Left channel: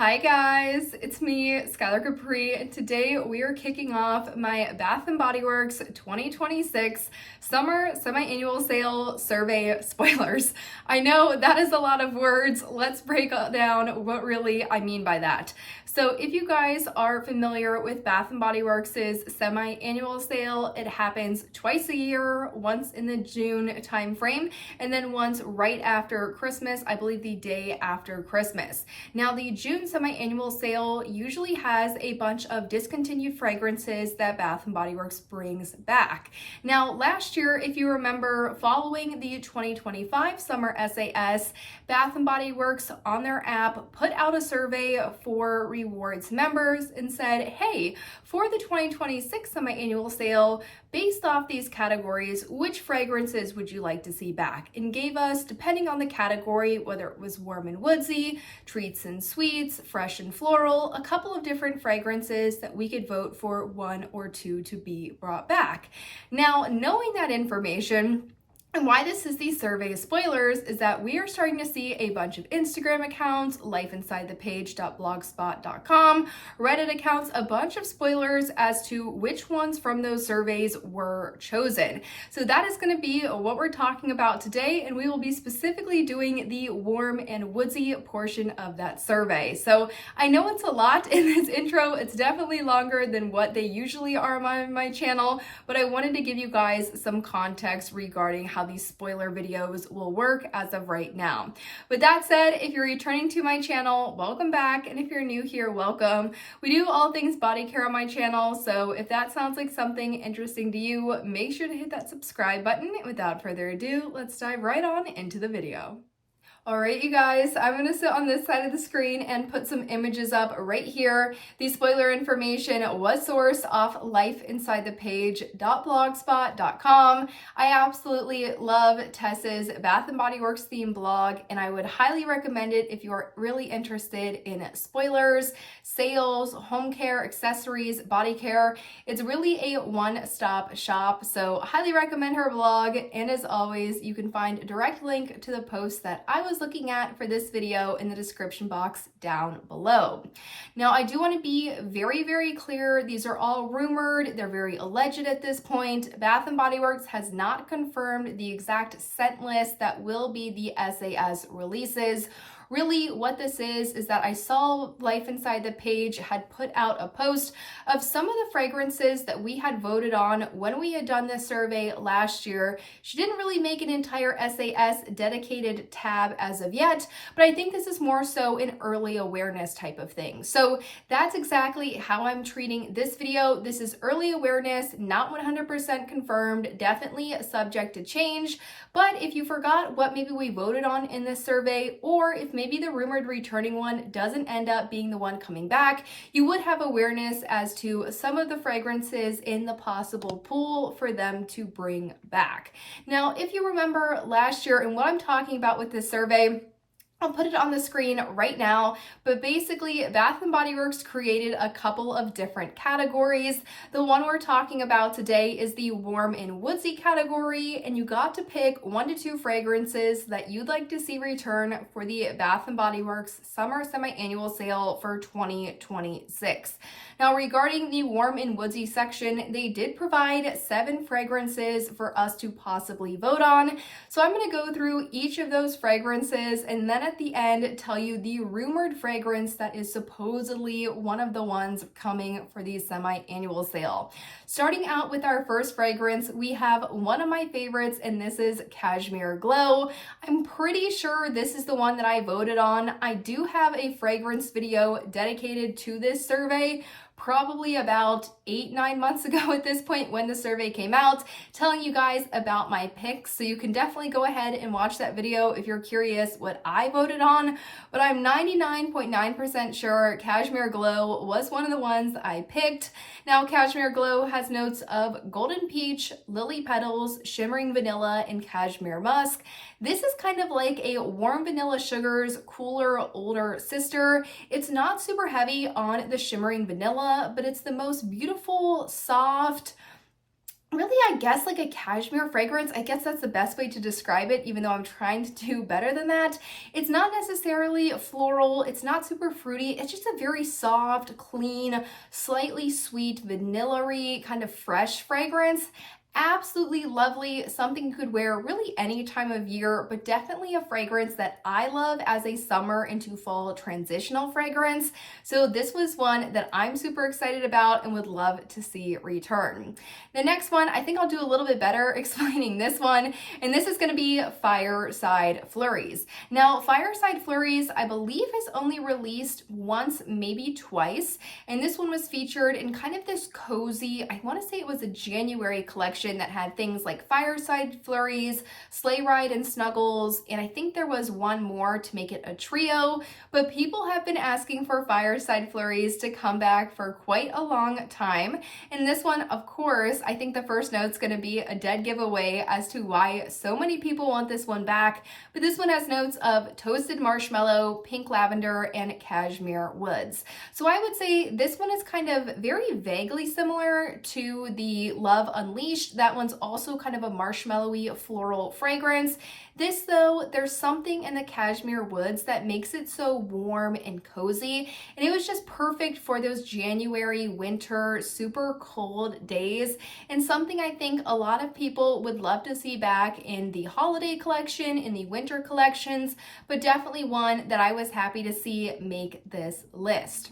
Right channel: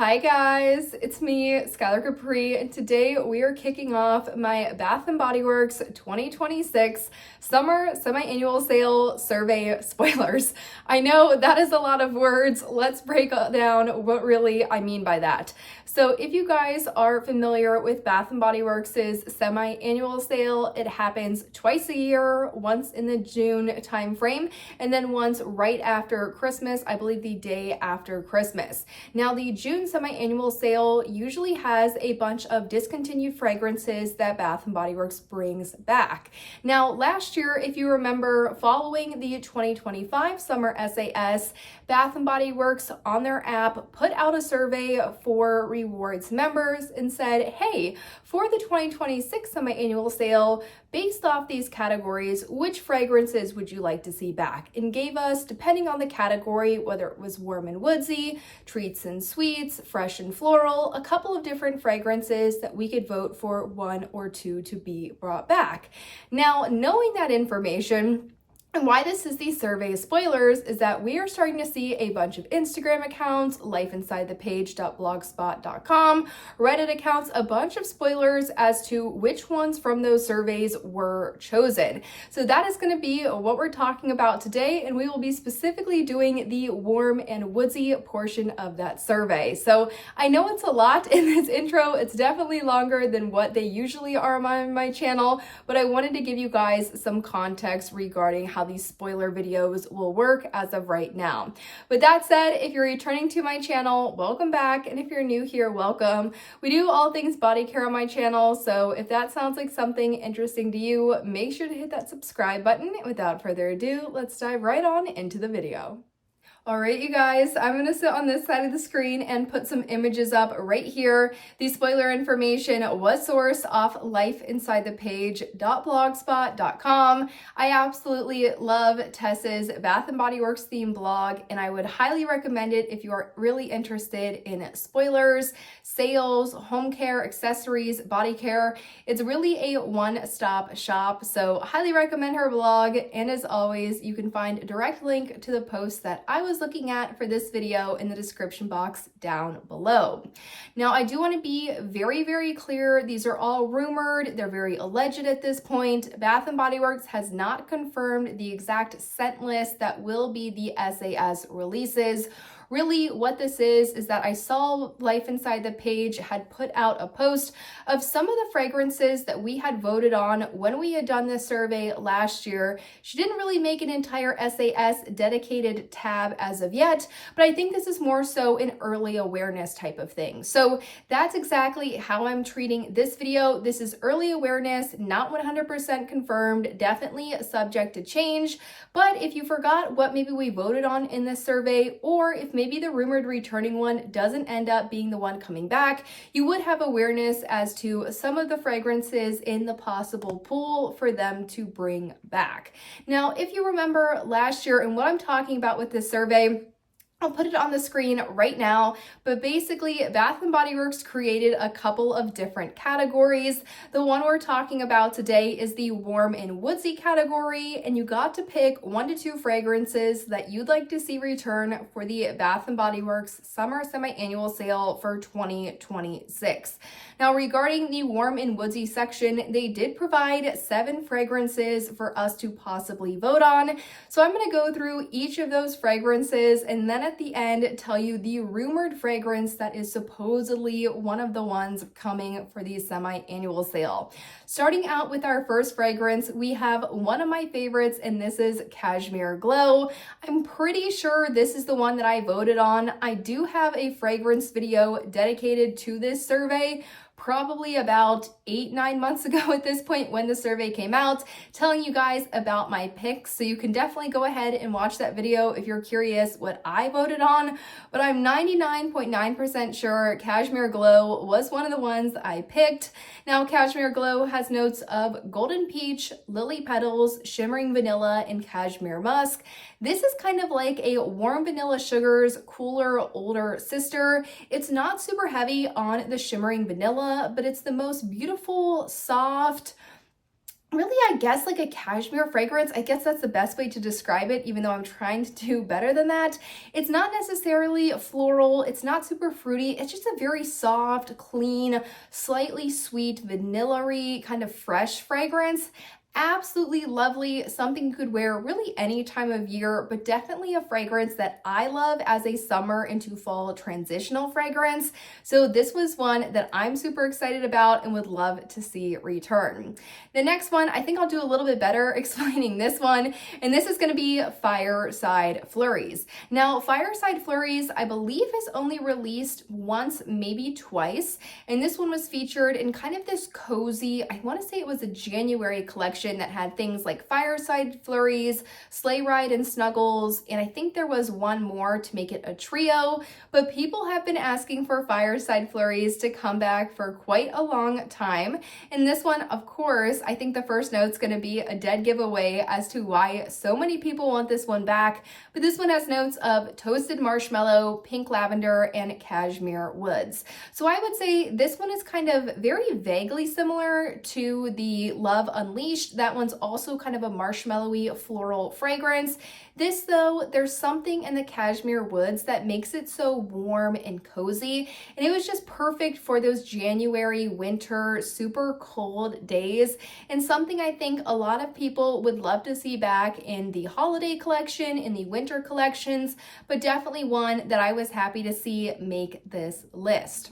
Hi guys, it's me, Skylar Capri, and today we are kicking off my Bath & Body Works 2026 Summer Semi-Annual Sale Survey Spoilers. I know that is a lot of words. Let's break down what really I mean by that. So if you guys are familiar with Bath & Body Works' semi-annual sale, it happens twice a year, once in the June time frame, and then once right after Christmas, I believe the day after Christmas. Now the June semi-annual sale usually has a bunch of discontinued fragrances that Bath & Body Works brings back. Now last year, if you remember, following the 2025 summer SAS, Bath & Body Works on their app put out a survey for rewards members and said, hey, for the 2026 semi-annual sale, based off these categories, which fragrances would you like to see back? And gave us, depending on the category, whether it was warm and woodsy, treats and sweets, fresh and floral, a couple of different fragrances that we could vote for one or two to be brought back. Now, knowing that information, and why this is the survey spoilers is that we are starting to see a bunch of Instagram accounts, lifeinsidethepage.blogspot.com, Reddit accounts, a bunch of spoilers as to which ones from those surveys were chosen. So that is going to be what we're talking about today, and we will be specifically doing the warm and woodsy portion of that survey. So I know it's a lot in this intro. It's definitely longer than what they usually are on my channel, but I wanted to give you guys some context regarding how these spoiler videos will work as of right now. With that said, if you're returning to my channel, welcome back. And if you're new here, welcome. We do all things body care on my channel. So if that sounds like something interesting to you, make sure to hit that subscribe button. Without further ado, let's dive right on into the video. All right, you guys, I'm going to sit on this side of the screen and put some images up right here. The spoiler information was sourced off lifeinsidethepage.blogspot.com. I absolutely love Tess's Bath & Body Works theme blog, and I would highly recommend it if you are really interested in spoilers, sales, home care, accessories, body care. It's really a one-stop shop, so highly recommend her blog. And as always, you can find a direct link to the post that I was looking at for this video in the description box down below. Now, I do want to be very, very clear. These are all rumored. They're very alleged at this point. Bath & Body Works has not confirmed the exact scent list that will be the SAS releases. Really, what this is that I saw Life Inside the Page had put out a post of some of the fragrances that we had voted on when we had done this survey last year. She didn't really make an entire SAS dedicated tab as of yet, but I think this is more so an early awareness type of thing. So that's exactly how I'm treating this video. This is early awareness, not 100% confirmed, definitely subject to change. But if you forgot what maybe we voted on in this survey, or if maybe the rumored returning one doesn't end up being the one coming back, you would have awareness as to some of the fragrances in the possible pool for them to bring back. Now, if you remember last year, and what I'm talking about with this survey, I'll put it on the screen right now, but basically Bath & Body Works created a couple of different categories. The one we're talking about today is the warm and woodsy category, and you got to pick 1 to 2 fragrances that you'd like to see return for the Bath & Body Works Summer Semi-Annual Sale for 2026. Now, regarding the warm and woodsy section, they did provide 7 fragrances for us to possibly vote on. So I'm going to go through each of those fragrances and then at the end tell you the rumored fragrance that is supposedly one of the ones coming for the semi-annual sale. Starting out with our first fragrance, we have one of my favorites, and this is Cashmere Glow. I'm pretty sure this is the one that I voted on. I do have a fragrance video dedicated to this survey, probably about 8-9 months ago at this point when the survey came out, telling you guys about my picks. So you can definitely go ahead and watch that video if you're curious what I voted on. But I'm 99.9% sure Cashmere Glow was one of the ones I picked. Now, Cashmere Glow has notes of golden peach, lily petals, shimmering vanilla, and cashmere musk. This is kind of like a warm vanilla sugar's cooler, older sister. It's not super heavy on the shimmering vanilla, but it's the most beautiful, soft, really, I guess like a cashmere fragrance. I guess that's the best way to describe it, even though I'm trying to do better than that. It's not necessarily floral. It's not super fruity. It's just a very soft, clean, slightly sweet, vanilla-y, kind of fresh fragrance. Absolutely lovely, something you could wear really any time of year, but definitely a fragrance that I love as a summer into fall transitional fragrance. So this was one that I'm super excited about and would love to see return. The next one, I think I'll do a little bit better explaining this one, and this is going to be Fireside Flurries. Now, Fireside Flurries, I believe, is only released once, maybe twice, and this one was featured in kind of this cozy, I want to say it was a January collection that had things like Fireside Flurries, Sleigh Ride and Snuggles, and I think there was one more to make it a trio, but people have been asking for Fireside Flurries to come back for quite a long time, and this one, of course, I think the first note's going to be a dead giveaway as to why so many people want this one back, but this one has notes of toasted marshmallow, pink lavender, and cashmere woods. So I would say this one is kind of very vaguely similar to the Love Unleashed. That one's also kind of a marshmallowy floral fragrance. This though, there's something in the cashmere woods that makes it so warm and cozy, and it was just perfect for those January, winter, super cold days, and something I think a lot of people would love to see back in the holiday collection, in the winter collections, but definitely one that I was happy to see make this list.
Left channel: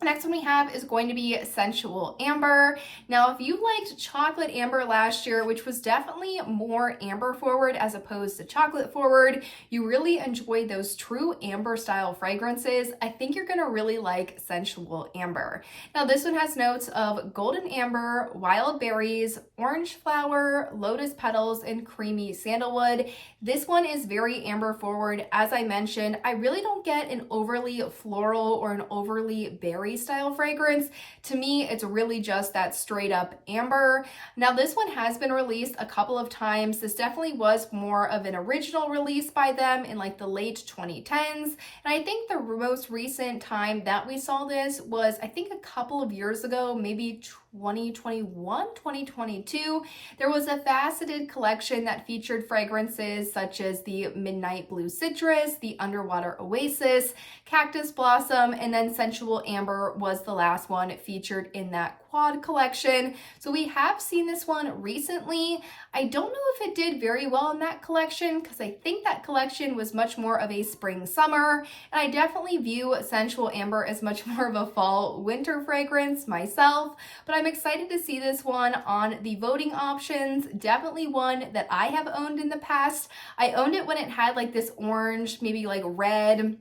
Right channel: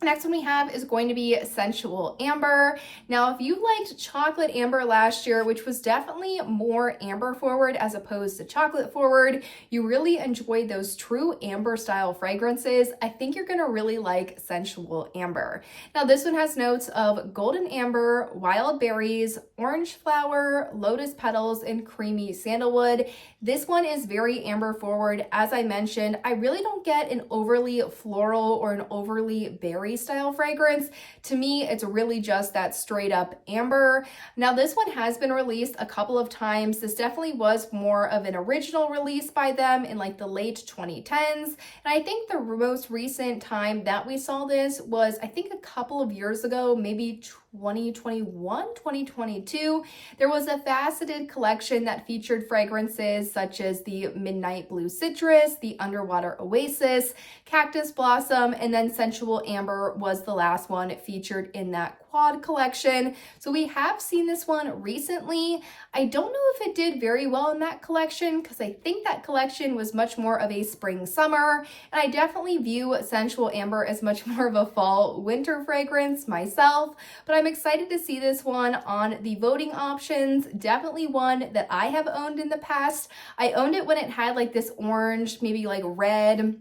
The next one we have is going to be Sensual Amber. Now, if you liked Chocolate Amber last year, which was definitely more amber forward as opposed to chocolate forward, you really enjoyed those true amber style fragrances, I think you're gonna really like Sensual Amber. Now, this one has notes of golden amber, wild berries, orange flower, lotus petals, and creamy sandalwood. This one is very amber forward. As I mentioned, I really don't get an overly floral or an overly berry style fragrance. To me, it's really just that straight up amber. Now, this one has been released a couple of times. This definitely was more of an original release by them in like the late 2010s. And I think the most recent time that we saw this was, I think, a couple of years ago, maybe 2021, 2022. There was a faceted collection that featured fragrances such as the Midnight Blue Citrus, the Underwater Oasis, Cactus Blossom, and then Sensual Amber was the last one featured in that quad collection. So we have seen this one recently. I don't know if it did very well in that collection because I think that collection was much more of a spring summer, and I definitely view Sensual Amber as much more of a fall winter fragrance myself, but I'm excited to see this one on the voting options. Definitely one that I have owned in the past. I owned it when it had like this orange, maybe like red,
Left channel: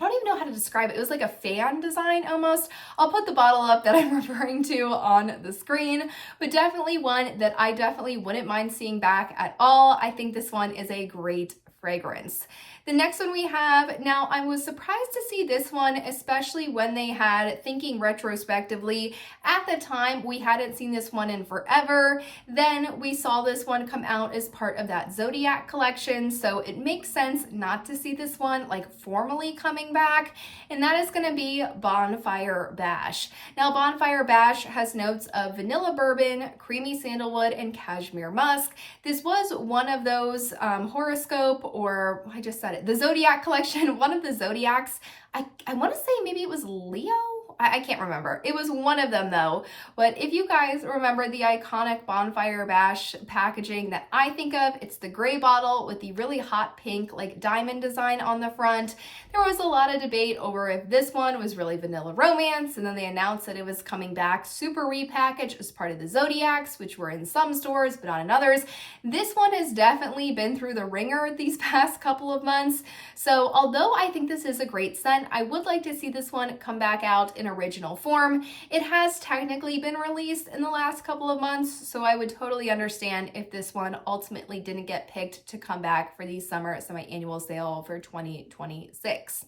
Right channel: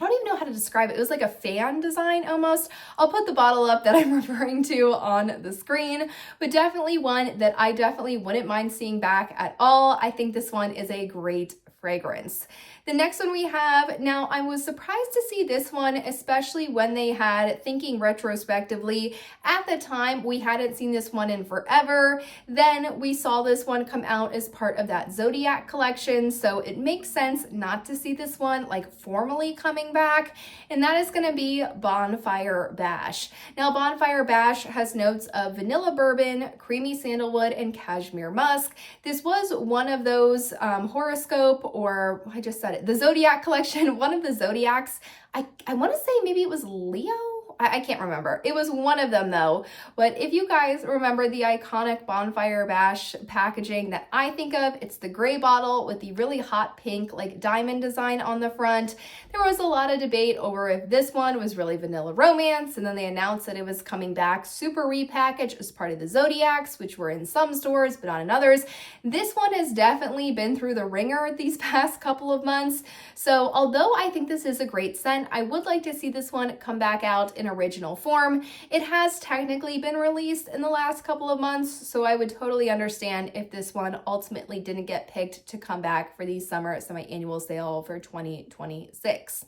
I don't even know how to describe it. It was like a fan design almost. I'll put the bottle up that I'm referring to on the screen, but definitely one that I definitely wouldn't mind seeing back at all. I think this one is a great fragrance. The next one we have, now I was surprised to see this one, especially when they had, thinking retrospectively, at the time we hadn't seen this one in forever. Then we saw this one come out as part of that Zodiac collection, so it makes sense not to see this one like formally coming back, and that is going to be Bonfire Bash. Now, Bonfire Bash has notes of vanilla bourbon, creamy sandalwood, and cashmere musk. This was one of those horoscope, or I just said it, the Zodiac collection, one of the Zodiacs. I want to say maybe it was Leo. I can't remember. It was one of them though. But if you guys remember the iconic Bonfire Bash packaging that I think of, it's the gray bottle with the really hot pink like diamond design on the front. There was a lot of debate over if this one was really Vanilla Romance, and then they announced that it was coming back super repackaged as part of the Zodiacs, which were in some stores but not in others. This one has definitely been through the ringer these past couple of months. So although I think this is a great scent, I would like to see this one come back out in original form. It has technically been released in the last couple of months, so I would totally understand if this one ultimately didn't get picked to come back for the summer semi-annual sale for 2026.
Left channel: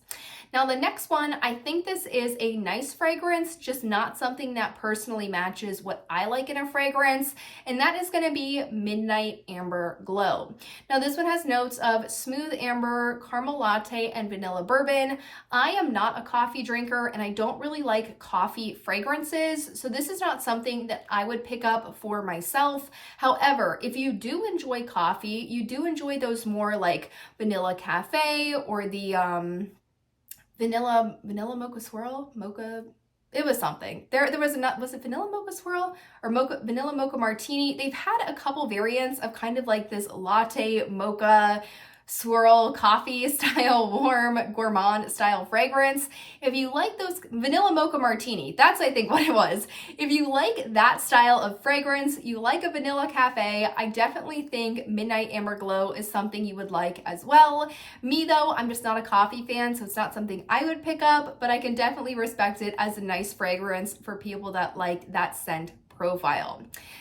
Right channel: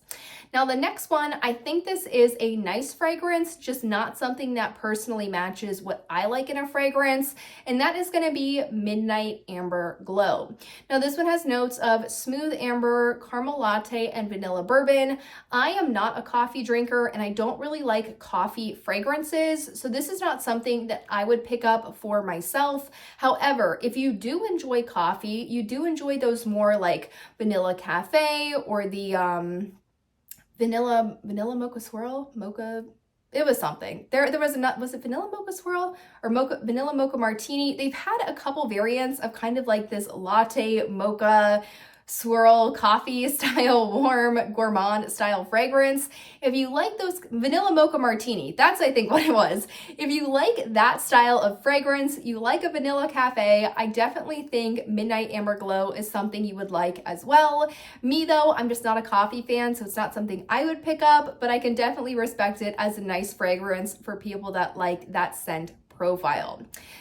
Now the next one, I think this is a nice fragrance, just not something that personally matches what I like in a fragrance, and that is going to be Midnight Amber Glow. Now this one has notes of smooth amber, caramel latte, and vanilla bourbon. I am not a coffee drinker, and I don't really like coffee fragrances, so this is not something that I would pick up for myself. However, if you do enjoy coffee, you do enjoy those more like vanilla cafe or the vanilla mocha swirl, mocha, it was something. There was it vanilla mocha swirl or vanilla mocha martini? They've had a couple variants of kind of like this latte mocha swirl coffee style, warm gourmand style fragrance. If you like those, vanilla mocha martini, that's I think what it was. If you like that style of fragrance, you like a vanilla cafe, I definitely think Midnight Amber Glow is something you would like as well. Me though, I'm just not a coffee fan, so it's not something I would pick up, but I can definitely respect it as a nice fragrance for people that like that scent profile.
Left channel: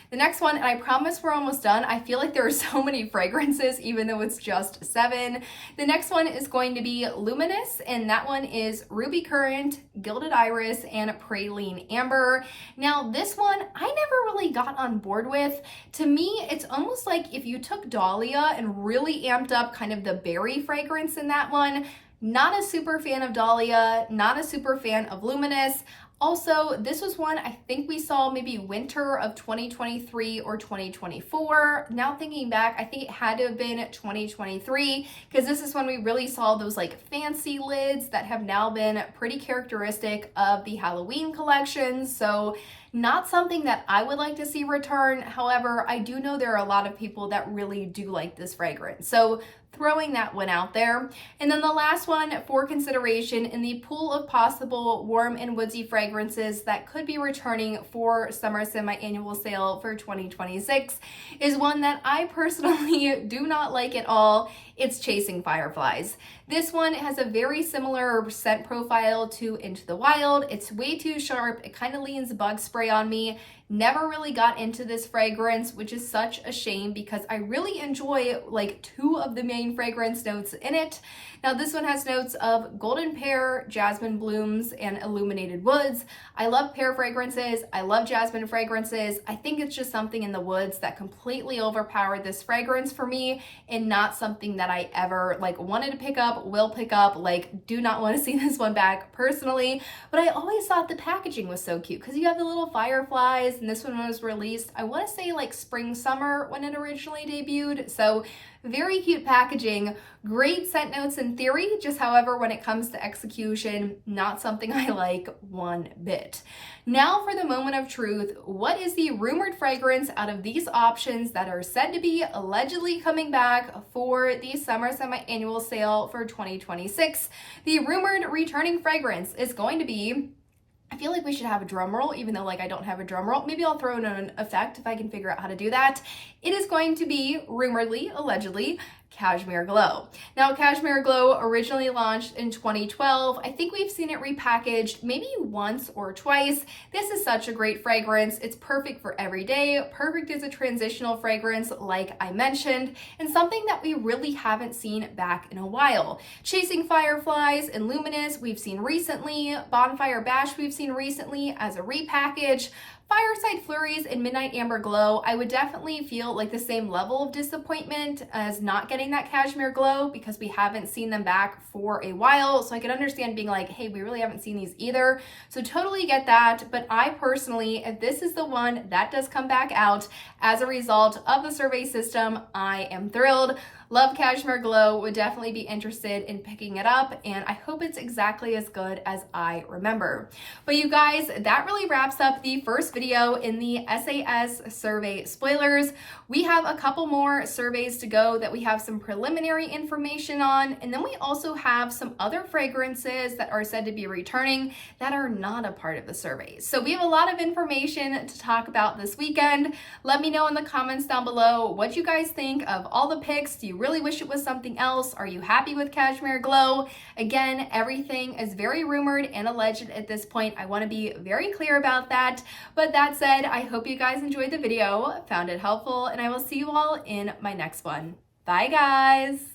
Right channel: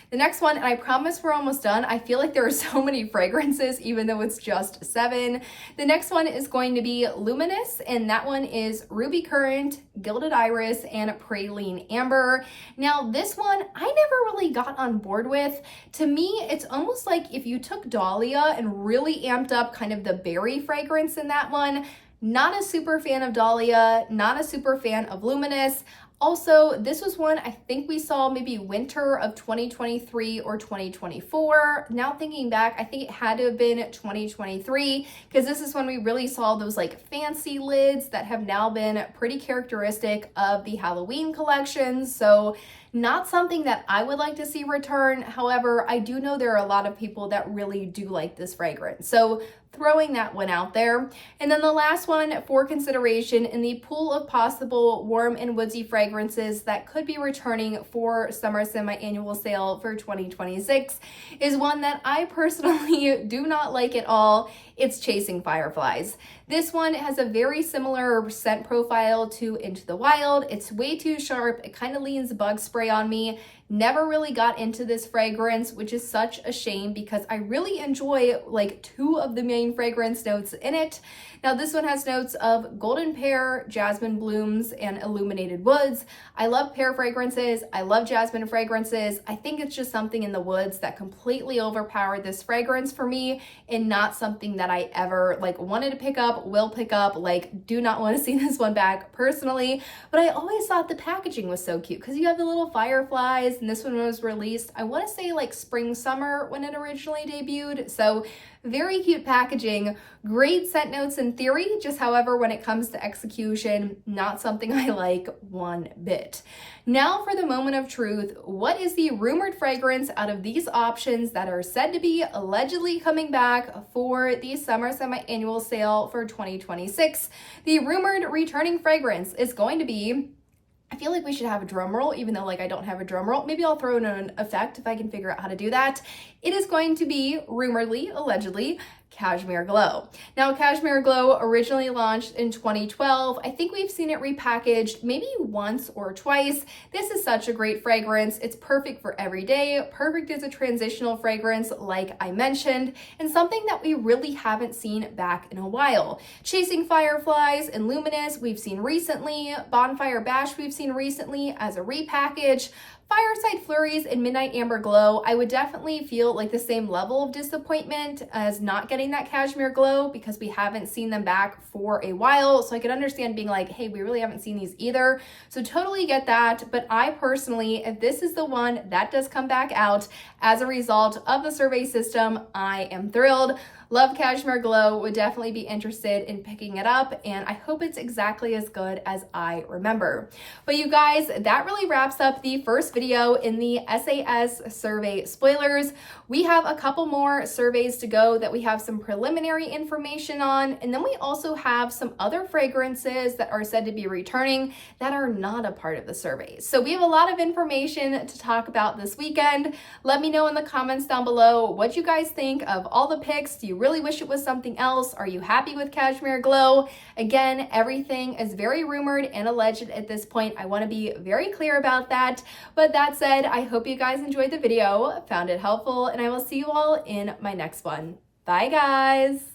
The next one, and I promise we're almost done. I feel like there are so many fragrances, even though it's just 7. The next one is going to be Luminous, and that one is Ruby Currant, Gilded Iris, and Praline Amber. Now, this one I never really got on board with. To me, it's almost like if you took Dahlia and really amped up kind of the berry fragrance in that one. Not a super fan of Dahlia, not a super fan of Luminous. Also, this was one I think we saw maybe winter of 2023 or 2024. Now thinking back, I think it had to have been 2023 because this is when we really saw those like fancy lids that have now been pretty characteristic of the Halloween collections. So not something that I would like to see return. However, I do know there are a lot of people that really do like this fragrance. So throwing that one out there. And then the last one for consideration in the pool of possible warm and woodsy fragrances that could be returning for summer semi-annual sale for 2026 is one that I personally do not like at all. It's Chasing Fireflies. This one has a very similar scent profile to Into the Wild. It's way too sharp. It kind of leans bug spray on me. Never really got into this fragrance, which is such a shame because I really enjoy like 2 of the main fragrance notes in it. Now this one has notes of golden pear, jasmine blooms, and illuminated woods. I love pear fragrances. I love jasmine fragrances. I think it's just something in the woods that completely overpowered this fragrance for me and not something that I ever like wanted to pick up, will pick up, like do not want to see this one back personally. But I always thought the packaging was so cute because you have the little fireflies, and this one was released, I want to say like spring, summer when it originally debuted. So very cute packaging, great scent notes in theory, just however, when it comes to execution, not something I like one bit. Now for the moment of truth, what is the rumored fragrance out of these options that are said to be allegedly coming back for the summer semi-annual sale for 2026? The rumored returning fragrance is going to be, I feel like we should have a drum roll, even though like I don't have a drum roll. Maybe I'll throw in an effect if I can figure out how to do that. It is going to be rumoredly, allegedly, Cashmere Glow. Now, Cashmere Glow originally launched in 2012. I think we've seen it repackaged maybe once or twice. This is such a great fragrance. It's perfect for every day, perfect as a transitional fragrance, like I mentioned, and something that we really haven't seen back in a while. Chasing Fireflies and Luminous, we've seen recently. Bonfire Bash, we've seen recently as a repackage. Fireside Flurries and Midnight Amber Glow, I would definitely feel like the same level of disappointment as not getting that Cashmere Glow because we haven't seen them back for a while. So I could understand being like, hey, we really haven't seen these either. So totally get that. But I personally, if this is the one that does come back out as a result of the survey system, I am thrilled. Love Cashmere Glow, would definitely be interested in picking it up, and I hope it's exactly as good as I remember. But you guys, that really wraps up the first video in the SAS survey spoilers. We have a couple more surveys to go that we have some preliminary information on, and then we also have some other fragrances that are said to be returning that are not a part of the surveys. So we have a lot of information to talk about this weekend. Let me know in the comments down below what you guys think of all the picks. Do you really wish it was something else? Are you happy with Cashmere Glow? Again, everything is very rumored and alleged at this point. I want to be very clear about that. But that said, I hope you guys enjoyed the video, found it helpful, and I will see you all in my next one. Bye, guys.